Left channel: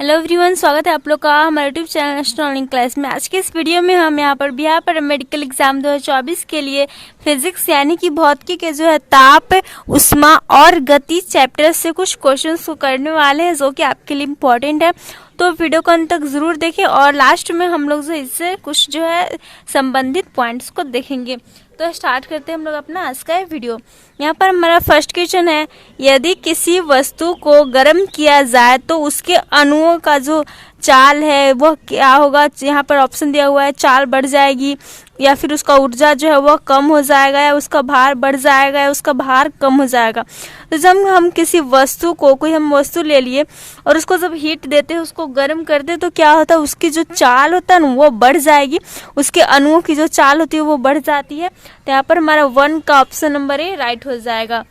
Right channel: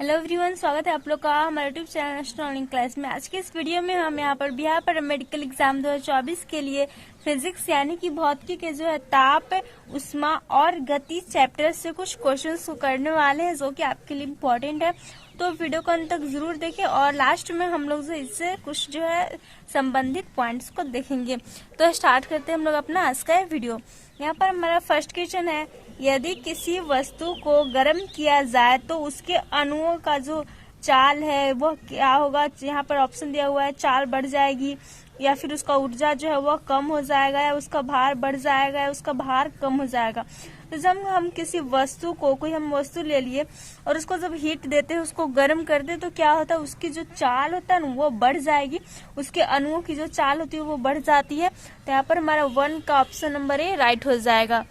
Hello everyone, स्वागत है आप लोग का हमारे यूट्यूब चैनल एस्ट्रोनॉमिकल क्लास में। आज के इस वीडियो में हम यहाँ पर बिहार पैरामेडिकल एग्जाम 2024 के लिए फिजिक्स यानी कि भौतिकी के जो है ताप, उष्मा और गति चैप्टर से कुछ क्वेश्चंस को करने वाले हैं जो कि आपके लिए इम्पोर्टेंट है। तो वीडियो को अंत तक जरूर देखें और लास्ट में हम लोग जो इससे कुछ जो है संबंधित पॉइंट्स को देखेंगे। तो स्टार्ट करते हैं हम लोग अपना आज का वीडियो। यहाँ पर हमारा फर्स्ट क्वेश्चन है, यदि किसी वस्तु को गर्म किया जाए तो उसके अणुओं का जो चाल है वह क्या होगा। यहाँ पर ऑप्शन दिया हुआ है, चाल बढ़ जाएगी या फिर उसका ऊर्जा जो है वह कम हो जाएगा या उसका भार बढ़ जाएगा या उसका भार कम हो जाएगा। तो जब हम किसी वस्तु को कोई हम वस्तु ले लिए और उसको जब हीट देते हैं, उसको गर्म करते हैं, तो क्या होता है, उसकी जो चाल होता है ना वो बढ़ जाएगी, उसके अणुओं की जो चाल होती है वो बढ़ जाती है। तो यहाँ पर हमारा 1 का ऑप्शन नंबर ए राइट हो जाएगा।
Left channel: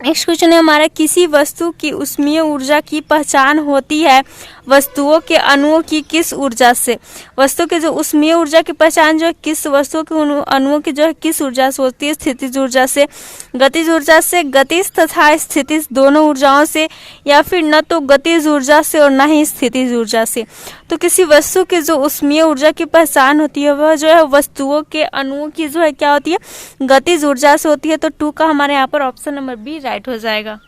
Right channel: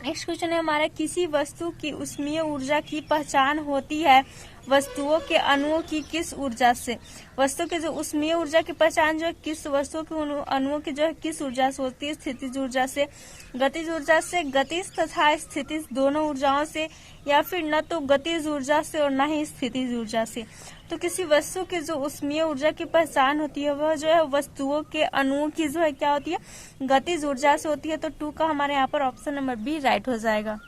नेक्स्ट क्वेश्चन है हमारा, किसी वस्तु की ऊष्मीय ऊर्जा की पहचान होती है वस्तुओं के अणुओं की किस ऊर्जा से। वस्तु के जो ऊष्मीय ऊर्जा की पहचान जो है किस वस्तुओं के अणुओं की जो है किस ऊर्जा से होती है, स्थितिज ऊर्जा से, गतिज ऊर्जा से, गतिज तथा स्थितिज दोनों ऊर्जाओं से, या फिर न तो गतिज ऊर्जा से और न ही स्थितिज ऊर्जा से। तो किसी वस्तु की जो ऊष्मीय ऊर्जा की पहचान होती है वह जो है वस्तुओं के अणुओं की जो है क्या होती है, गतिज ऊर्जा से होती है। तो 2 का हमारे यहाँ पर ऑप्शन नंबर बी राइट हो जाएगा।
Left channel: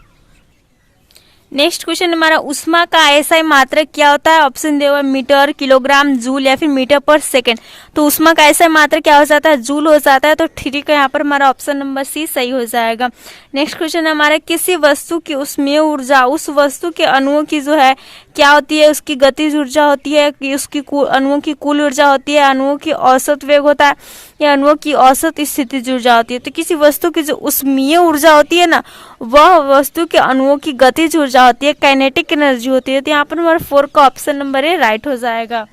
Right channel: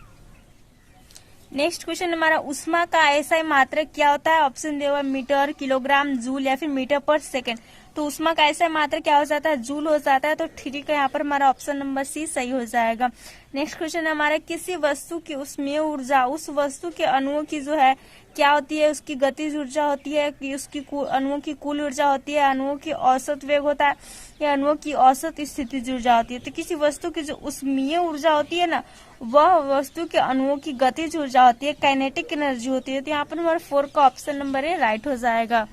नेक्स्ट क्वेश्चन हमारा, उष्मा का एसआई मात्रक क्या होता है। ऑप्शन दिया हुआ है मीटर, किलोग्राम, जूल या फिर मीटर पर सेकेंड। तो उष्मा का एसआई मात्रक क्या हो जाता है, जूल हो जाता है। तो 3 का यहाँ पर हमारा ऑप्शन नंबर सी सही हो जाएगा। नेक्स्ट क्वेश्चन हमारा, किसी वस्तु की ऊष्मीय ऊर्जा उस वस्तु के अणुओं की जो है क्या होती है, उसकी गतिज ऊर्जा होती है कि उसकी अणुओं की कुल ऊर्जा होती है, अणुओं की औसत वेग होता है या अणुओं की औसत स्थितिज ऊर्जा होती है। तो किसी वस्तु की जो ऊष्मीय ऊर्जा होती है ना वह वस्तु के अणुओं की गतिज ऊर्जा होती है, काइनेटिक एनर्जी होती है। तो यहाँ पर हमारा 4 का ऑप्शन नंबर ए राइट हो जाएगा।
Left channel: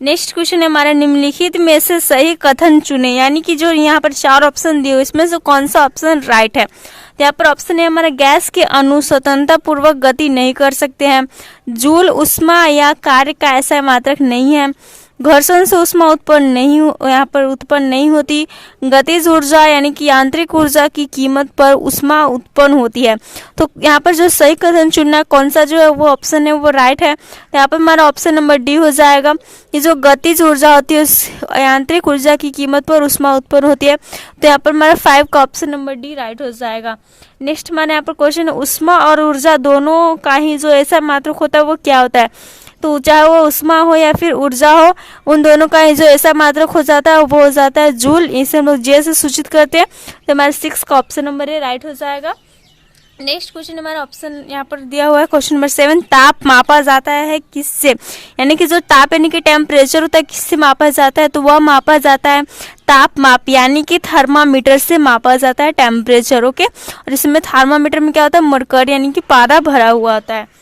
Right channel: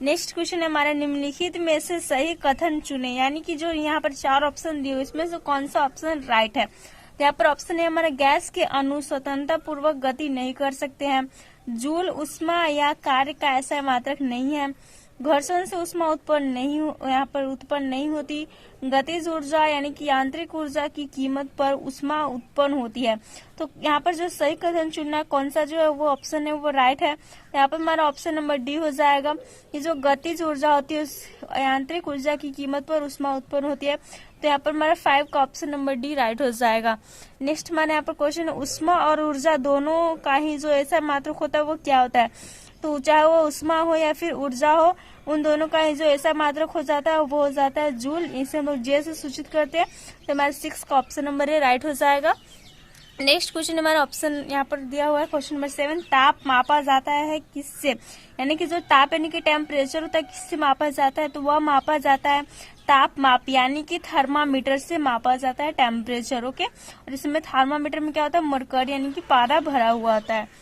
नेक्स्ट क्वेश्चन है हमारा, निम्नलिखित में से सही कथन चुने, यानी कि जो यहाँ पर 4 ऑप्शन दिए हुए इसमें से कौन सा ऑप्शन राइट है। तो यहाँ पर ऑप्शन है हमारा, गैस के अणु स्वतंत्रता पूर्वक गति नहीं कर सकते हैं, जूल उष्मा या कार्य का ऐसा मात्रक नहीं है, घर्षण से उष्मा यहाँ पर उत्पन्न नहीं होती, गतिज ऊर्जा यानी कि यांत्रिक ऊर्जा की कीमत पर उष्मा उत्पन्न होती है। तो यहाँ पर जो सही कथन चुनना कौन सा जो है वो ऑप्शन है वो राइट है। तो यहाँ पर हमारा ऑप्शन नंबर डी हो जाएगा। ये जो गतिज ऊर्जा होती है उस यांत्रिक ऊर्जा की कीमत पर उष्मा उत्पन्न होती है। तो यहाँ पर हमारा 5 का ऑप्शन नंबर डी राइट हो जाएगा। नेक्स्ट हमारे यहाँ पर क्वेश्चन है, उष्मा और ऊर्जा दोनों का ही जो ऐसा मात्रक होता है वो क्या होता है। तो चाहे वो उष्मा हो या फिर ऊर्जा हो, उन दोनों का जो ऐसा मात्रक हो जाता है वो हो जाता है जूल। इसे हम लोग जे से सूचित करते हैं। तो हमारे 6 का ऑप्शन नंबर है राइट हो जाएगा। नेक्स्ट क्वेश्चन हमारा ऑप्शन यहाँ पर दिया हुआ है क्वेश्चन नंबर 7, ताप मापा जाता है किससे, यानी कि जो ताप यानी कि टेम्परेचर होता है किससे मापा जाता है। तो वह मापा जाता है ताप माप यानी कि थर्मामीटर से मापा जाता है टेम्परेचर। ओके, और इसमें थर्मामीटर में क्या होता है, मरकरी यानी कि पारा भरा हुआ होता है।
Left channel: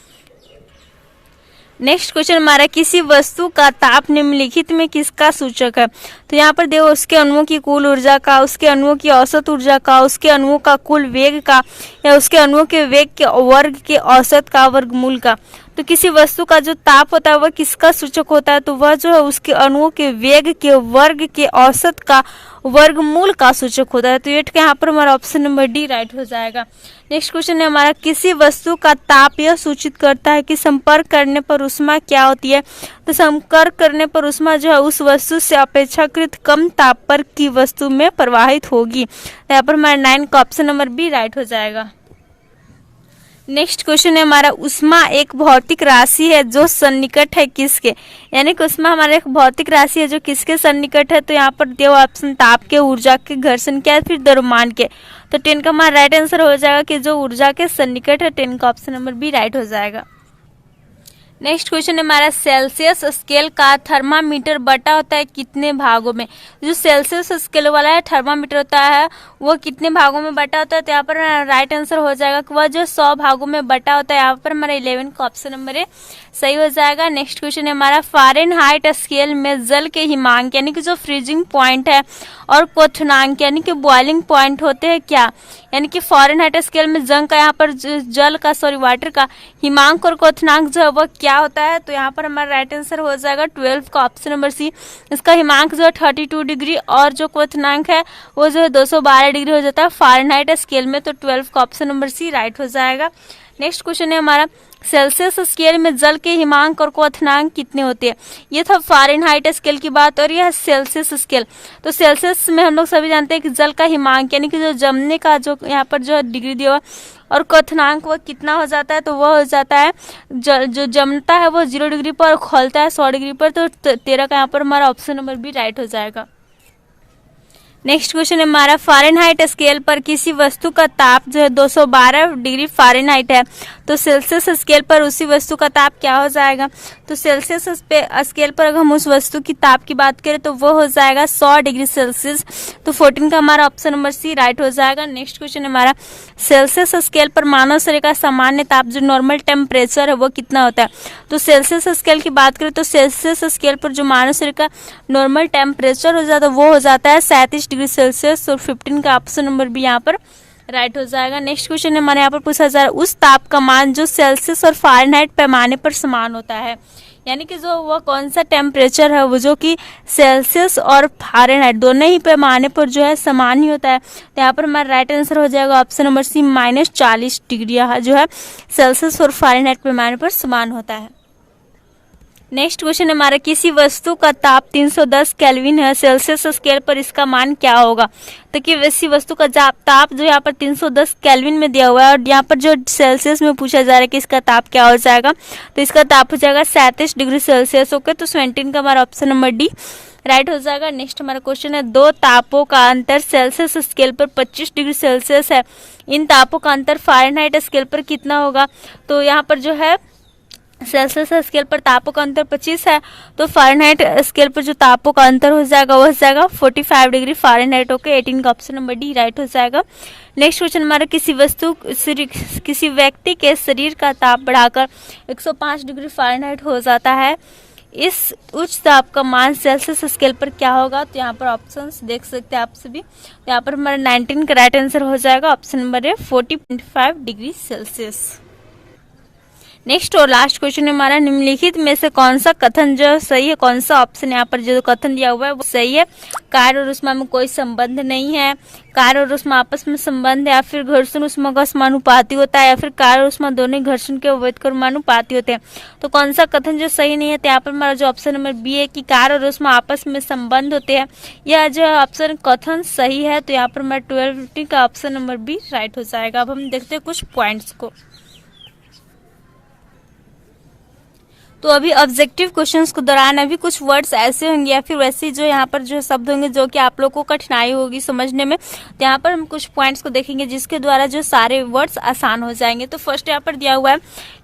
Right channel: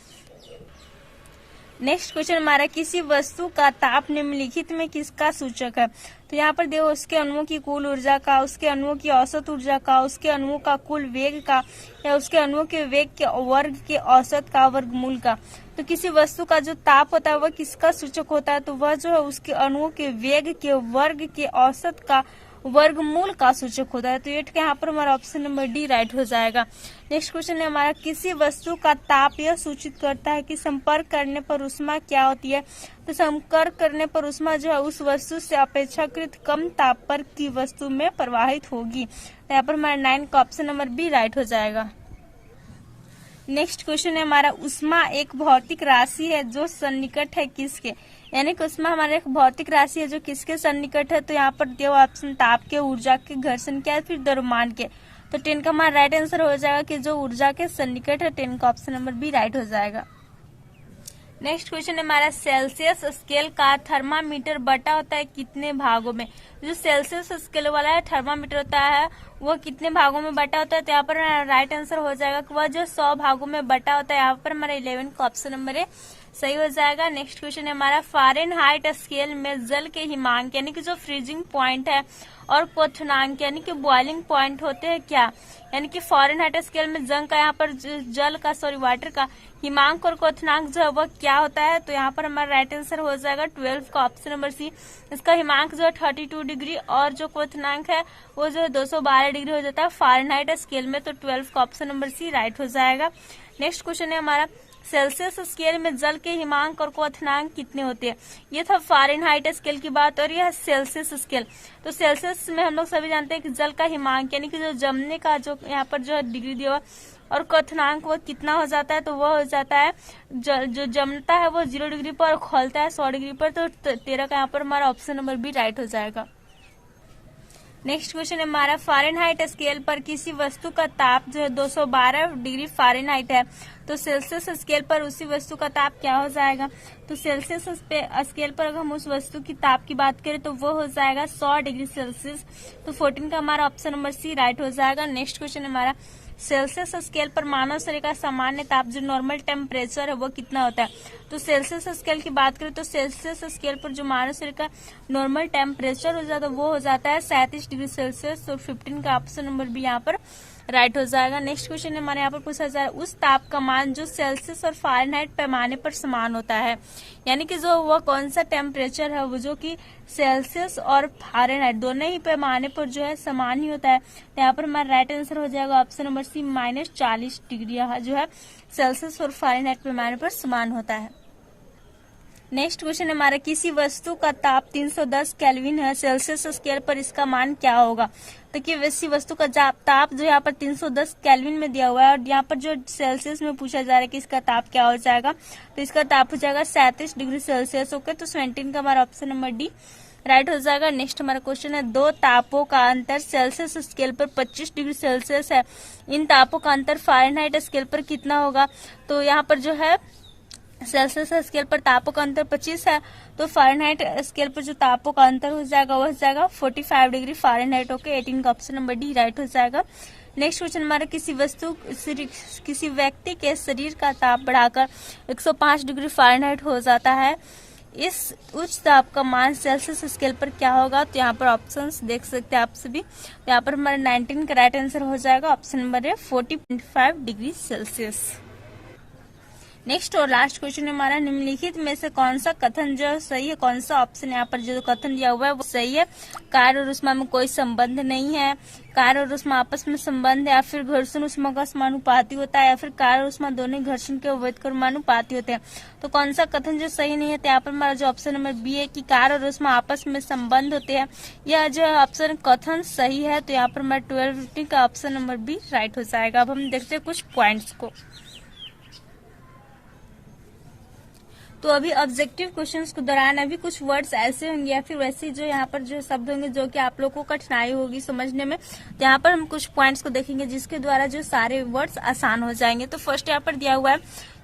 नेक्स्ट क्वेश्चन हमारा, किसी वस्तु का ताप निम्नलिखित में किसका सूचक है। तो यहाँ पर देखो, उसके अणुओं की कुल ऊर्जा का, उसके अणुओं की औसत ऊर्जा का, उसके अणुओं का कुल वेग का, या उसके अणुओं के वेग के वर्ग के औसत का वर्गमूल का। तो किसी वस्तु का जो ताप होता है वह किसका सूचक होता है। तो वह जो है उसके अणुओं के वेग के वर्ग के औसत का वर्गमूल का सूचक होता है। तो 8 का यहाँ पर हमारा ऑप्शन नंबर डी राइट हो जाएगा। नेक्स्ट क्वेश्चन है हमारा, किसी वस्तु का ताप यह सूचित करता है कि संपर्क करने पर उष्मा क्या होती है। तो संपर्क करने पर उष्मा जो है उस वस्तु से अपेक्षाकृत कम ताप पर की वस्तु में प्रवाहित होगी। तो यहाँ पर हमारा 9 का ऑप्शन नंबर बी राइट हो जाएगा। नेक्स्ट क्वेश्चन है हमारा, उष्मा एक भौतिक राशि है जो सन्निकट है किसके, यानी कि उष्मा हमारा एक भौतिक राशि है जो किसके सन्निकट है। तो यहाँ पर दिया हुआ ऑप्शन ताप के, ऊर्जा के, घर्षण के, फिर द्रव्यमान के। तो 10 का हमारा राइट आंसर हो जाएगा कि जो ऊर्जा के सन्निकट है। 10 का ऑप्शन नंबर बी राइट हो जाएगा। नेक्स्ट क्वेश्चन है हमारा, सेल्सियस स्केल का थर्मामीटर बटा होता है कितने भागों में। जो सेल्सियस स्केल वाला है थर्मामीटर होता है वो कितने भागों में बटा होता है। तो यहाँ पर राइट आंसर हो जाएगा कि वह जो 100 भागों में बटा होता है। यहाँ पर हमारा 11 का ऑप्शन नंबर है सही हो जाएगा। नेक्स्ट क्वेश्चन है हमारा, फ़ारेनहाइट स्केल में जल के हिमांक यानी कि जो फ्रीजिंग पॉइंट है और क्वथनांक यानी कि बॉइलिंग पॉइंट होते हैं क्या, यानी कि फ़ारेनहाइट स्केल में जंग का यहाँ पर जल का वाटर का हिमांक और क्वथनांक जो है वह क्या होता है। तो यहाँ पर हमारा राइट आंसर हो जाएगा 12 का ऑप्शन नंबर सी। इसका हिमांक जो है 32 डिग्री और जो क्वथनांक है वो जो है 212 डिग्री हो जाता है फ़ारेनहाइट स्केल में। तो 12 का ऑप्शन नंबर सी राइट हो जाएगा। नेक्स्ट क्वेश्चन है हमारा, सेल्सियस स्केल में जल के हिमांक और क्वथनांक कितने होते हैं। ये था फ़ारेनहाइट स्केल की बात और यह सेल्सियस स्केल। तो सेल्सियस में हम लोग सभी जानते हैं कि जल का हिमांक यानी कि जो जमने का जो यहाँ पर जो डिग्री दिया हुआ और क्वथनांक वह कितना हो जाता है, तो वह हो जाता है जो जमता है वो 0 डिग्री पर और खोलता है 100 डिग्री पर। तो 13 का यहाँ पर हमारा ऑप्शन नंबर बी राइट हो जाएगा। नेक्स्ट क्वेश्चन है हमारा, फ़ारेनहाइट स्केल पर किसी वस्तु का ताप जो है 212 डिग्री फ़ारेनहाइट है, तो सेल्सियस स्केल पर उसी वस्तु का ताप क्या हो जाएगा। तो सेल्सियस स्केल पर अगर हम उस वस्तु की ताप की बात करें तो वो हो जाएगा 100 डिग्री सेल्सियस। तो 14 का हमारा ऑप्शन नंबर सी राइट हो जाएगा। नेक्स्ट क्वेश्चन है हमारा, सेल्सियस स्केल पर मानव शरीर का सामान्य ताप जो नॉर्मल टेम्परेचर है वो कितना होता है। तो सेल्सियस स्केल की बात करें तो सेल्सियस स्केल पर जो मानव शरीर का नॉर्मल टेम्परेचर हो जाता है वो हो जाता है 37 डिग्री सेल्सियस। और 15 का ऑप्शन नंबर भी यहाँ पर राइट हो जाएगा। नेक्स्ट क्वेश्चन है हमारे यहाँ पर पूछा जा रहा है, उस ताप का मान जो सेल्सियस और फ़ारेनहाइट पैमाने पर समान होता है, यानी कि जो वह कौन सा टेम्परेचर है वो जो कि सेल्सियस और फ़ारेनहाइट दोनों ही पैमाने पर जो है समान ही होता है। तो यहाँ पर हमारा राइट आंसर हो जाएगा ऑप्शन नंबर सी -40 डिग्री जो है सेल्सियस और फ़ारेनहाइट पैमाने पर समान होता है। नेक्स्ट क्वेश्चन है हमारा, किसी वस्तु का ताप 310 केल्विन है, सेल्सियस स्केल पर इसका मान क्या होगा। तो कि किसी वस्तु का ताप जो यहाँ पर 310 केल्विन में दिया हुआ है और यहाँ पर जो सेल्सियस में पूछा जा रहा है कि इसका ताप क्या हो जाएगा, तो इसका ताप हो जाएगा 37 डिग्री सेल्सियस। ओके, तो 17 का हमारा ऑप्शन नंबर डी राइट हो जाएगा। नेक्स्ट हमारा क्वेश्चन है, दो तापों का अंतर सेल्सियस स्केल पर 25 डिग्री सेल्सियस है, इन तापों का अंतर फ़ारेनहाइट स्केल पर कितना होगा। तो यहाँ पर जो है सेल्सियस स्केल पर तापों का अंतर 25 है, तो फ़ारेनहाइट स्केल पर जो तापों का अंतर हो जाएगा वो हो जाएगा 45 डिग्री फ़ारेनहाइट। ओके, 18 का ऑप्शन नंबर डी राइट हो जाएगा। नेक्स्ट क्वेश्चन हमारा, किसी व्यक्ति के शरीर का ताप बढ़ाकर 105 डिग्री फ़ारेनहाइट हो जाता है, इस उच्च ताप का मान सेल्सियस स्केल पर क्या होगा। तो यहाँ पर ऑप्शंस देख सकते हैं आप सभी। तो यहाँ पर हमारा 19 का राइट आंसर हो जाएगा option number A 40.5 degree Celsius. Next और लास्ट क्वेश्चन हमारा, निम्नलिखित में से कौन सा कथन जो सही है, कौन सा ऑप्शन यहाँ पर जो कथन दिया हुआ है वो सही है। कार्य और ऊष्मा में कोई संबंध नहीं है, कार्य और ऊष्मा आपस में संबंध है, या फिर घर्षण ऊष्मा का समानुपाती होता है, या फिर कार्य और ऊष्मा दोनों घर्षण के अवैध समानुपाती होते हैं। तो कौन सा कथन जो सही नहीं है, तो यहाँ पर हमारा जो ऑप्शन नंबर बी है कि कार्य और ऊष्मा आपस में संबंध होते हैं, यह जो ऑप्शन कथन सही है। तो यहाँ पर हमारा 12 का ऑप्शन नंबर बी राइट हो जाएगा। अब हम देखते हैं कुछ पॉइंट्स को। तो अभी ऑब्जेक्टिव क्वेश्चंस के दौरान अभी कुछ वर्ड्स ऐसे होंगे या फिर वैसे जो यहाँ पर जो शब्द होंगे जो कि आप लोग को कठिनाई होगी समझने में, तो यहाँ पर हम कुछ पॉइंट्स को देखेंगे जिसके द्वारा जो सारे वर्ड्स आसान हो जाएंगे। तो फर्स्ट यहाँ पर दिया हुआ है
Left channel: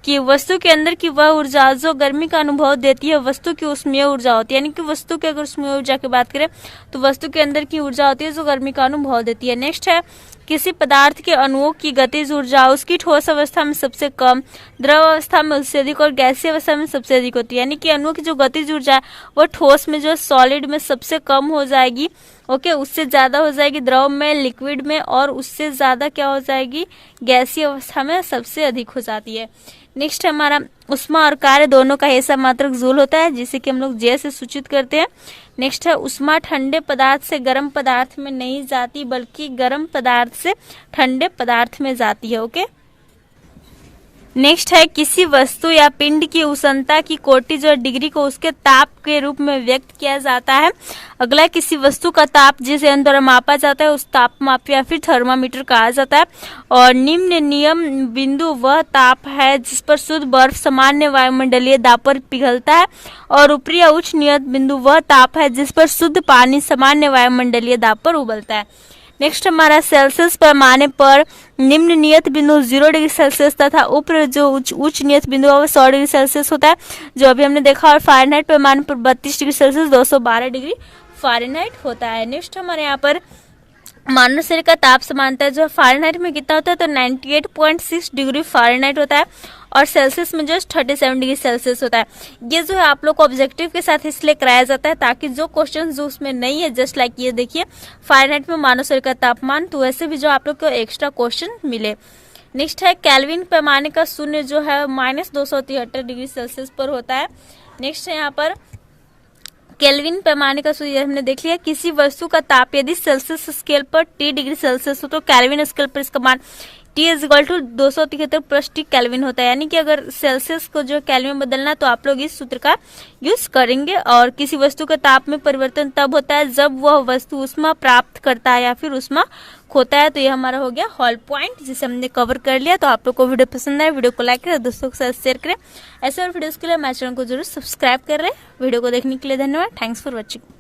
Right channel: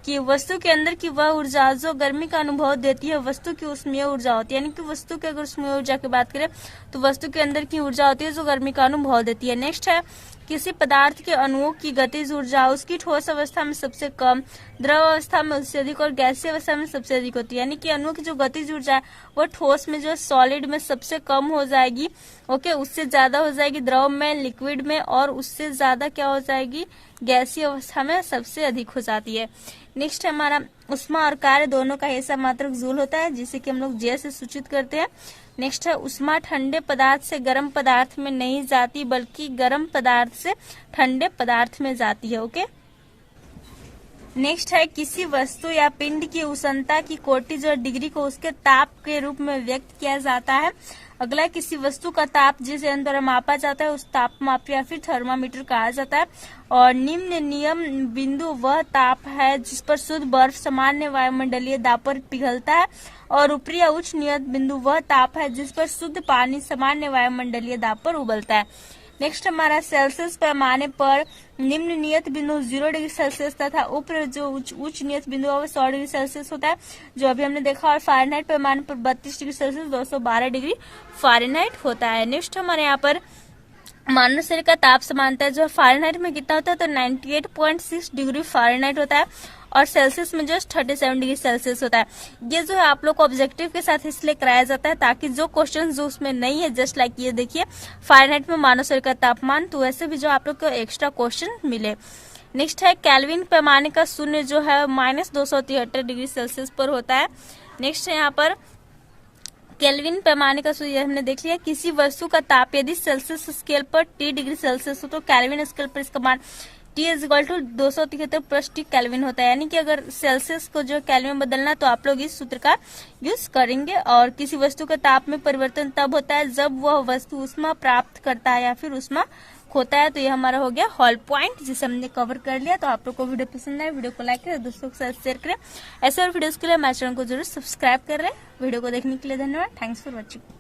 कि वस्तु के अंदर की वह ऊर्जा जो गर्मी का अनुभव देती है वस्तु की ऊष्मीय ऊर्जा होती है, यानी कि वस्तु की अगर ऊष्मीय ऊर्जा की बात करें तो वस्तु के अंदर की ऊर्जा होती है जो गर्मी का अनुभव देती है। नेक्स्ट है, किसी पदार्थ के अणुओं की गतिज ऊर्जा उसकी ठोस अवस्था में सबसे कम, द्रव अवस्था में उससे अधिक और गैसीय अवस्था में सबसे अधिक होती है, यानी कि अणुओं की जो गतिज ऊर्जा है वो ठोस में जो सॉलिड में सबसे कम हो जाएगी। ओके, उससे ज्यादा हो जाएगी द्रव में, लिक्विड में, और उससे ज्यादा क्या हो जाएगी गैसीय अवस्था में सबसे अधिक हो जाती है। नेक्स्ट हमारा, ऊष्मा और कार्य दोनों का ऐसा मात्रक जूल होता है जिसे कि हम लोग जे से सूचित करते हैं। नेक्स्ट है, ऊष्मा ठंडे पदार्थ से गर्म पदार्थ में नहीं जाती बल्कि गर्म पदार्थ से ठंडे पदार्थ में जाती है। ओके, नेक्स्ट है, किसी वस्तु या पिंड की उष्णता की कोटि जो डिग्री को उसके ताप के रूप में व्यक्त किया जाता है। अगला, किसी वस्तु का ताप जिस यंत्र द्वारा मापा जाता है उस तापमाप या फिर थर्मामीटर कहा जाता है। और निम्न नियम बिंदु वह ताप है जिस पर शुद्ध बर्फ सामान्य वायुमंडलीय दाब पर पिघलता है, और ऊपरी या उच्च नियत बिंदु वह ताप है जिस पर शुद्ध पानी सामान्य वायुमंडलीय दाब पर उबलता है। नेक्स्ट हमारा, सेल्सियस पैमाने पर निम्न नियत बिंदु 0 डिग्री सेल्सियस तथा ऊपर जो उच्च नियत बिंदु है वो 100 डिग्री सेल्सियस होता है जो अभी हमने देखा, और फ़ारेनहाइट पैमाने पर 32 डिग्री सेल्सियस 212 डिग्री फ़ारेनहाइट होता है। नेक्स्ट हमारे यहाँ पर मानव शरीर का ताप समानता जो फ़ारेनहाइट में कितना होता है, तो 98.6 डिग्री फ़ारेनहाइट होता है, और सेल्सियस में जो 37 डिग्री सेल्सियस होता है। ये जो है आप लोग को ऑब्जेक्टिव के साथ इसलिए कराया जाता है ताकि जो क्वेश्चन जो उसमें नहीं है, जस्ट लाइक ये देखिए फ़ारेनहाइट में मानव शरीर का तापमान, तो वैसे भी जो आप लोग को एक्स्ट्रा क्वेश्चन मिले। नेक्स्ट है, केल्विन पैमाने का शून्य जो है -273 डिग्री सेल्सियस पर होता है। नेक्स्ट है यहाँ पर केल्विन पैमाने का सूत्र हमने देख लिया, किसी वस्तु का ताप यदि सेल्सियस स्केल पर T डिग्री सेल्सियस हो तो केल्विन स्केल पर इसका मान T is equal to 273 plus T kelvin होता है। यानी कि अगर सेल्सियस को जो केल्विन में बदलना तो आप लोग इस सूत्र का यूज करेंगे। और किसी वस्तु का ताप में परिवर्तन तब होता है जब वह वस्तु ऊष्मा प्राप्त करता है या फिर ऊष्मा खोता है। तो ये हमारा हो गया हॉल पॉइंट, जिसे हमने कवर कर लिया। तो आप लोग को वीडियो पसंद आए, वीडियो को लाइक करें, दोस्तों के साथ शेयर करें। ऐसे और वीडियोस के लिए हमारे चैनल को जरूर सब्सक्राइब कर लें। वीडियो को देखने के लिए धन्यवाद। Thanks for watching.